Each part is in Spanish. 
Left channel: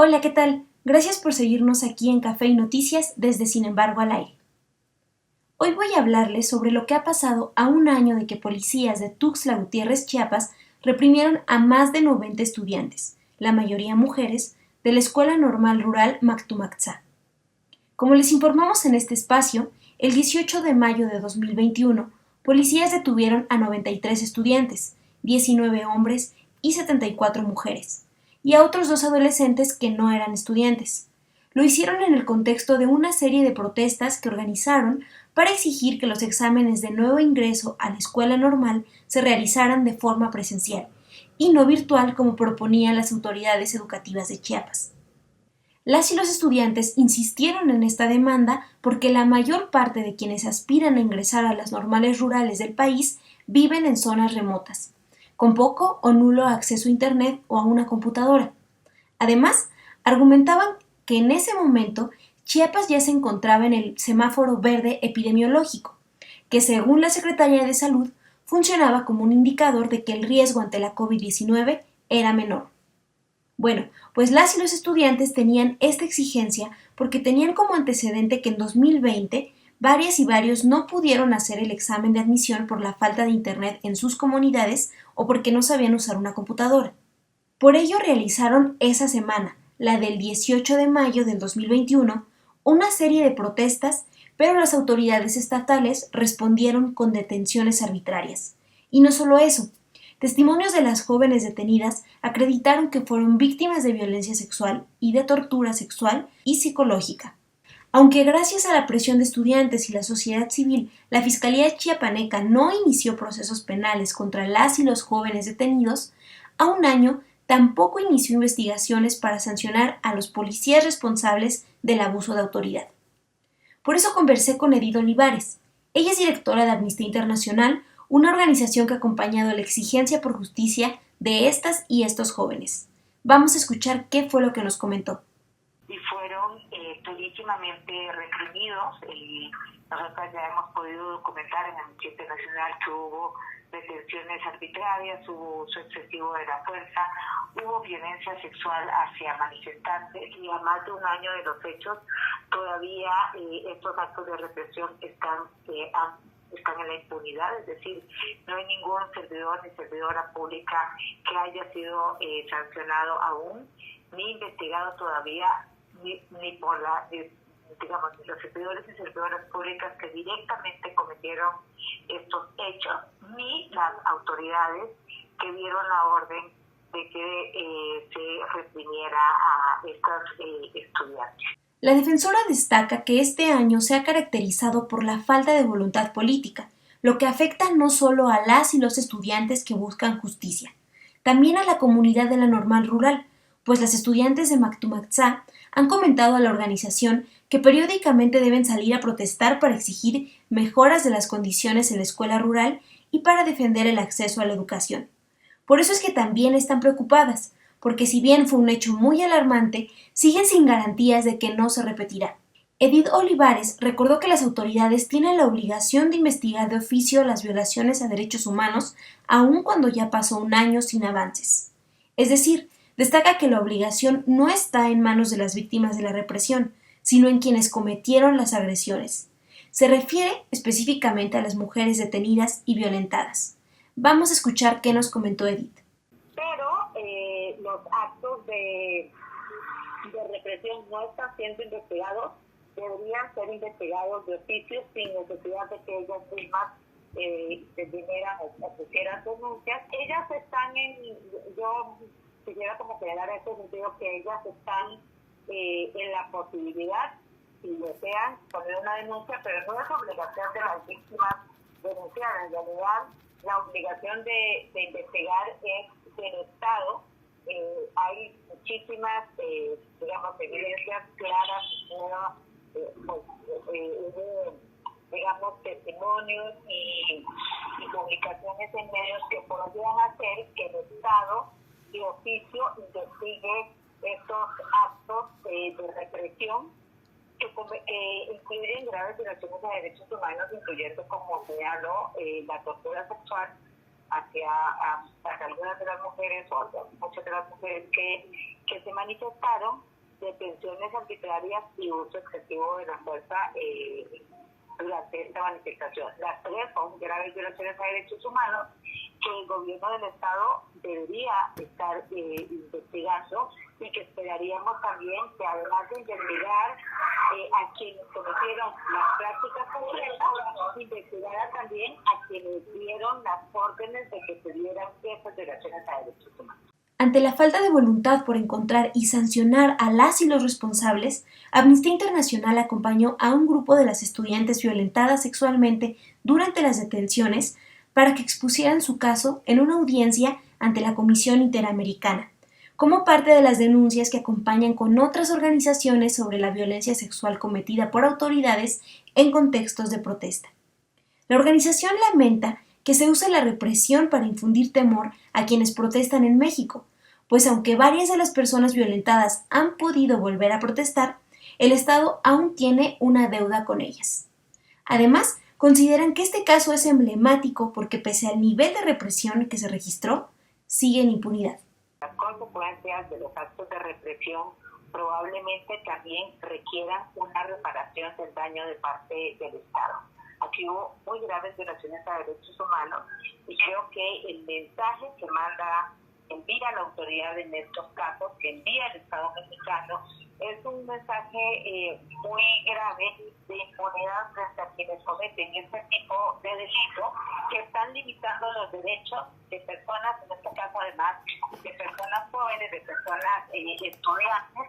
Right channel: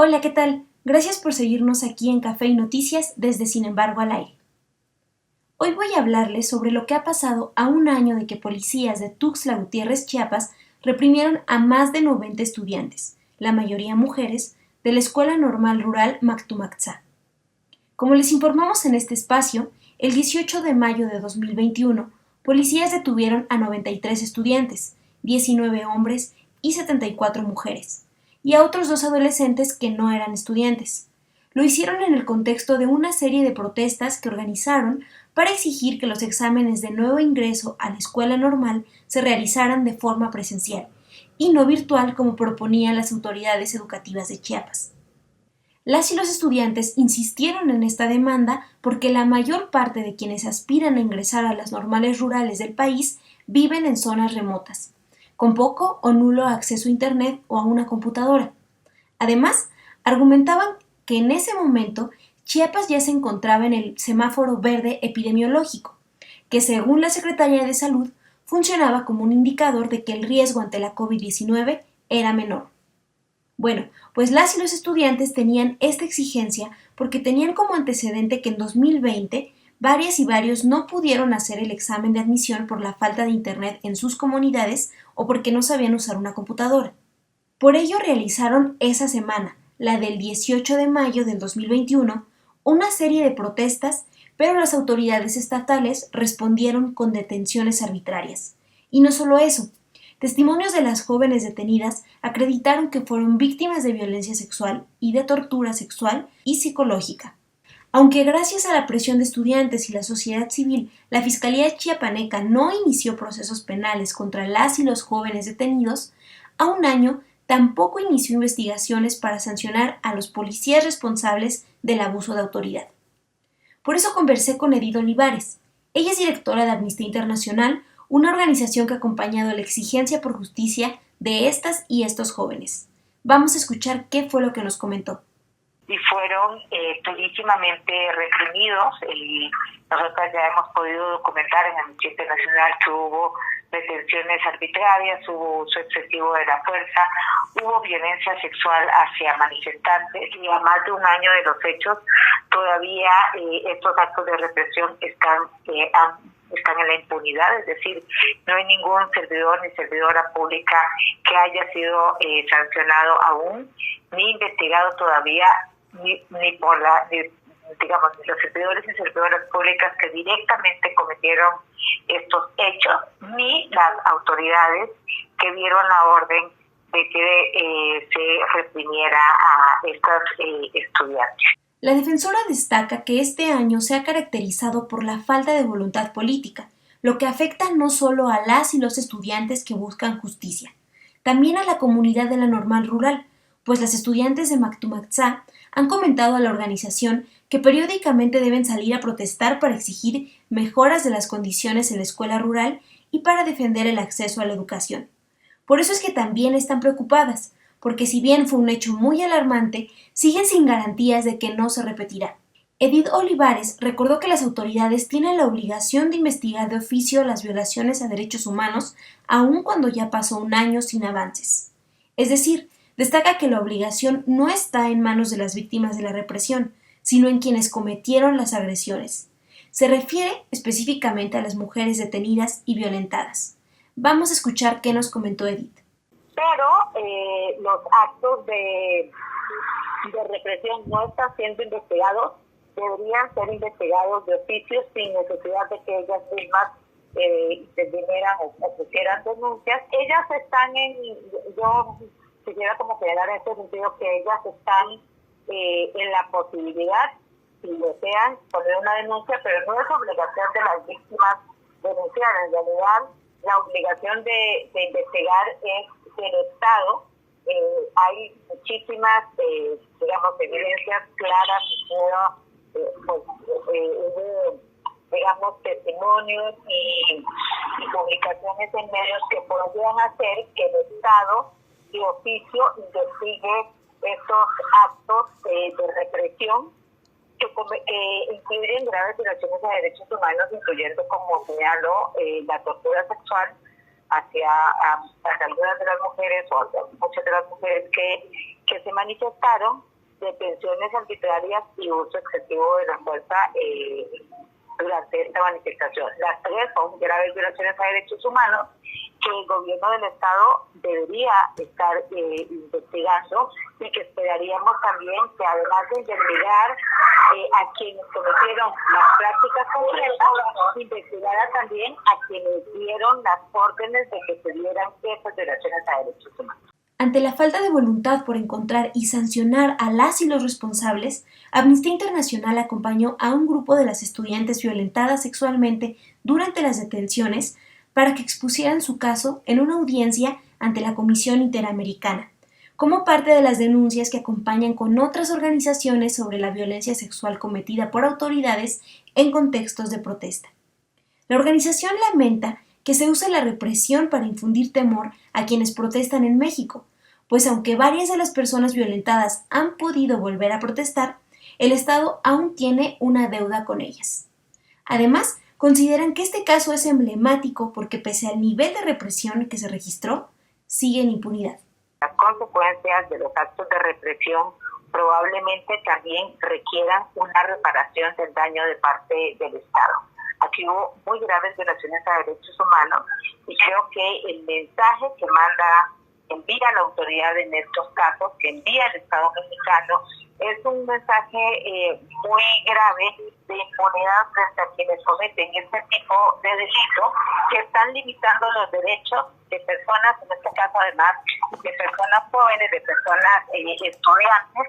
Hola, ¿qué tal? Gracias por seguirnos aquí en Café y Noticias desde Sin embargo al aire. Hoy voy a hablarles sobre lo que ha pasado a un año de que policías de Tuxtla Gutiérrez, Chiapas, reprimieron a más de 90 estudiantes, la mayoría mujeres, de la Escuela Normal Rural Mactumaxá. Como les informamos en este espacio, el 18 de mayo de 2021, policías detuvieron a 93 estudiantes, 19 hombres y 74 mujeres, y a otros dos adolescentes que no eran estudiantes. Lo hicieron en el contexto de una serie de protestas que organizaron para exigir que los exámenes de nuevo ingreso a la escuela normal se realizaran de forma presencial y no virtual como proponían las autoridades educativas de Chiapas. Las y los estudiantes insistieron en esta demanda porque la mayor parte de quienes aspiran a ingresar a las normales rurales del país viven en zonas remotas, con poco o nulo acceso a Internet o a una computadora. Además, argumentaban que en ese momento Chiapas ya se encontraba en el semáforo verde epidemiológico, que según la Secretaría de Salud funcionaba como un indicador de que el riesgo ante la COVID-19 era menor. Bueno, pues las y los estudiantes tenían esta exigencia porque tenían como antecedente que en 2020 varias y varios no pudieron hacer el examen de admisión por la falta de internet en sus comunidades o porque no sabían usar una computadora. Por ello realizaron esa semana, la del 18 de mayo del 2021, una serie de protestas, pero las autoridades estatales respondieron con detenciones arbitrarias. Y no solo eso, testimonios de las jóvenes detenidas acreditaron que fueron víctimas de violencia sexual y de tortura sexual y psicológica. Aunque gracias a la presión de estudiantes y la sociedad civil, la Fiscalía chiapaneca no inició procesos penales contra las y los jóvenes detenidos, a un año tampoco inició investigaciones para sancionar a los policías responsables del abuso de autoridad. Por eso conversé con Edith Olivares. Ella es directora de Amnistía Internacional, una organización que ha acompañado la exigencia por justicia de estas y estos jóvenes. Vamos a escuchar qué fue lo que nos comentó. Y fueron durísimamente reprimidos. Nosotros ya hemos podido documentar en Amnistía Internacional que hubo detenciones arbitrarias, hubo uso excesivo de la fuerza, hubo violencia sexual hacia manifestantes y a más de un año de los hechos todavía estos actos de represión están en la impunidad, es decir, no hay ningún servidor ni servidora pública que haya sido sancionado aún, ni investigado todavía, ni por los servidores y servidoras públicas que directamente cometieron estos hechos, ni las autoridades que dieron la orden de que se reprimiera a estos estudiantes. La defensora destaca que este año se ha caracterizado por la falta de voluntad política, lo que afecta no solo a las y los estudiantes que buscan justicia, también a la comunidad de la normal rural, pues las estudiantes de Mactumaxá han comentado a la organización que periódicamente deben salir a protestar para exigir mejoras de las condiciones en la escuela rural y para defender el acceso a la educación. Por eso es que también están preocupadas, porque si bien fue un hecho muy alarmante, siguen sin garantías de que no se repetirá. Edith Olivares recordó que las autoridades tienen la obligación de investigar de oficio las violaciones a derechos humanos, aun cuando ya pasó un año sin avances. Es decir, destaca que la obligación no está en manos de las víctimas de la represión, sino en quienes cometieron las agresiones. Se refiere específicamente a las mujeres detenidas y violentadas. Vamos a escuchar qué nos comentó Edith. Pero los actos de represión no están siendo investigados, deberían ser investigados de oficio sin necesidad de que ellas mismas intervinieran o pusieran denuncias. Ellas están yo quisiera como quedar en este sentido que ellas están en la posibilidad, si desean, poner una denuncia, pero no es obligación de las víctimas denunciar. En realidad, la obligación de investigar es del Estado. Hay muchísimas, evidencias claras, hubo testimonios y publicaciones en medios que podrían hacer que el Estado de oficio investigue estos actos de represión que incluyen graves violaciones a derechos humanos, incluyendo, como señaló, la tortura sexual hacia algunas de las mujeres o muchas de las mujeres que que se manifestaron, detenciones arbitrarias y uso excesivo de la fuerza durante esta manifestación. Las tres son graves violaciones a derechos humanos que el gobierno del Estado debería estar investigando, y que esperaríamos también que, además de investigar a quienes cometieron las prácticas concretas, investigara también a quienes dieron las órdenes de que se dieran esas violaciones a derechos humanos. Ante la falta de voluntad por encontrar y sancionar a las y los responsables, Amnistía Internacional acompañó a un grupo de las estudiantes violentadas sexualmente durante las detenciones para que expusieran su caso en una audiencia ante la Comisión Interamericana, como parte de las denuncias que acompañan con otras organizaciones sobre la violencia sexual cometida por autoridades en contextos de protesta. La organización lamenta que se use la represión para infundir temor a quienes protestan en México, pues aunque varias de las personas violentadas han podido volver a protestar, el Estado aún tiene una deuda con ellas. Además, consideran que este caso es emblemático porque, pese al nivel de represión que se registró, sigue en impunidad. Las consecuencias de los actos de represión probablemente también requieran una reparación del daño de parte del Estado. Aquí hubo muy graves violaciones a derechos humanos, y creo que el mensaje que envía la autoridad en estos casos, que envía el Estado mexicano, es un mensaje muy grave de impunidad frente a quienes cometen este tipo de delitos, que están limitando los derechos de personas, en este caso además de personas jóvenes, de personas estudiantes,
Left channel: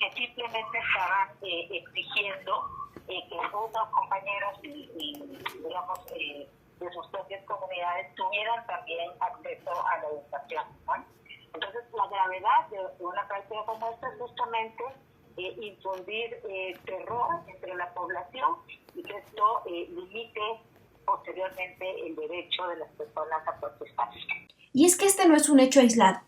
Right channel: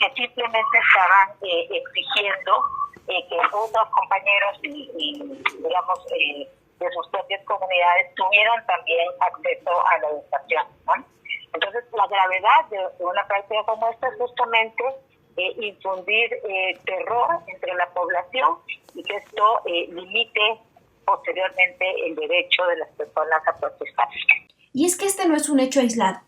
que simplemente estaban exigiendo que otros compañeros y digamos, de sus propias comunidades tuvieran también acceso a la educación, ¿no? Entonces, la gravedad de una práctica como esta es justamente infundir terror entre la población, y que esto limite posteriormente el derecho de las personas a protestar. Y es que este no es un hecho aislado.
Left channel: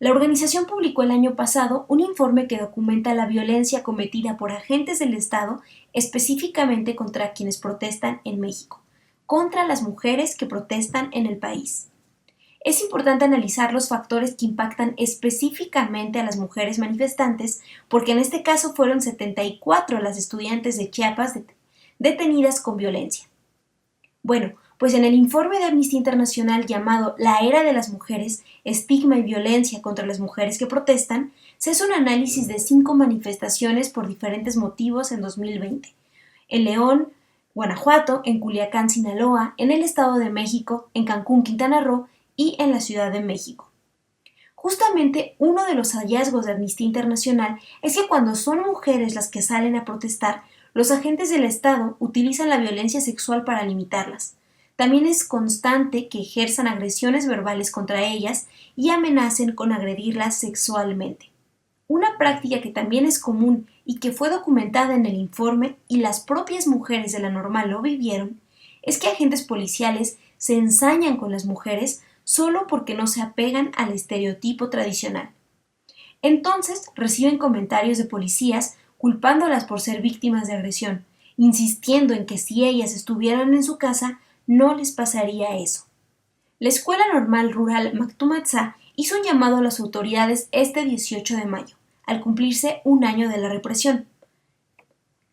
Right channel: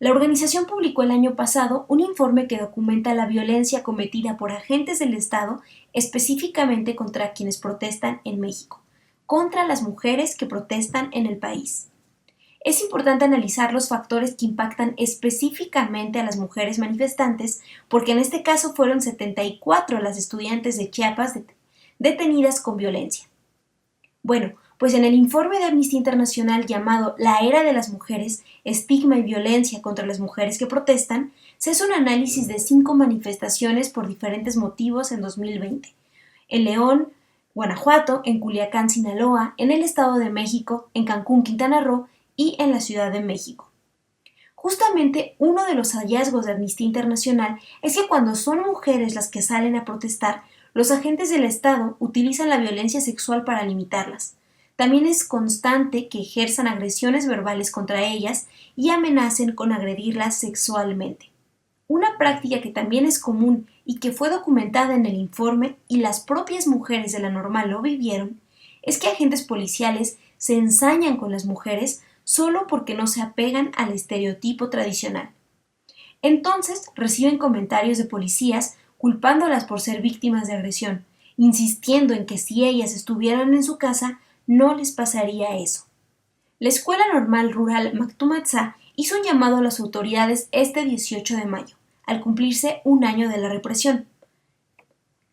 La organización publicó el año pasado un informe que documenta la violencia cometida por agentes del Estado específicamente contra quienes protestan en México, contra las mujeres que protestan en el país. Es importante analizar los factores que impactan específicamente a las mujeres manifestantes, porque en este caso fueron 74 las estudiantes de Chiapas detenidas con violencia. Bueno, pues en el informe de Amnistía Internacional llamado La Era de las Mujeres, Estigma y Violencia contra las Mujeres que Protestan, se hace un análisis de 5 manifestaciones por diferentes motivos en 2020. En León, Guanajuato, en Culiacán, Sinaloa, en el Estado de México, en Cancún, Quintana Roo y en la Ciudad de México. Justamente uno de los hallazgos de Amnistía Internacional es que cuando son mujeres las que salen a protestar, los agentes del Estado utilizan la violencia sexual para limitarlas. También es constante que ejerzan agresiones verbales contra ellas y amenacen con agredirlas sexualmente. Una práctica que también es común y que fue documentada en el informe y las propias mujeres de la Normal lo vivieron, es que agentes policiales se ensañan con las mujeres solo porque no se apegan al estereotipo tradicional. Entonces reciben comentarios de policías culpándolas por ser víctimas de agresión, insistiendo en que si ellas estuvieran en su casa no les pasaría eso. La Escuela Normal Rural Mactumatzá hizo un llamado a las autoridades este 18 de mayo, al cumplirse un año de la represión.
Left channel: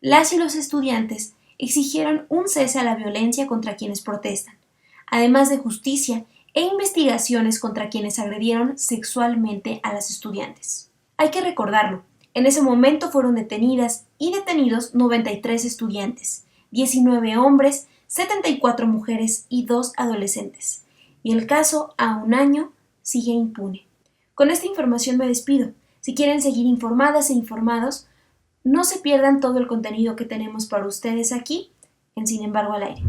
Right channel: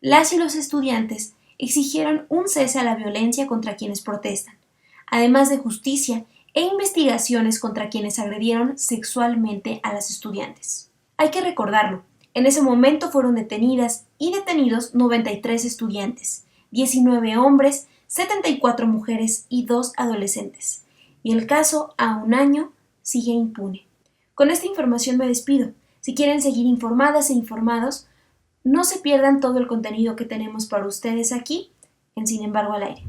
Las y los estudiantes exigieron un cese a la violencia contra quienes protestan, además de justicia e investigaciones contra quienes agredieron sexualmente a las estudiantes. Hay que recordarlo, en ese momento fueron detenidas y detenidos 93 estudiantes, 19 hombres, 74 mujeres y 2 adolescentes. Y el caso, a un año, sigue impune. Con esta información me despido. Si quieren seguir informadas e informados, no se pierdan todo el contenido que tenemos para ustedes aquí en Sin embargo al aire.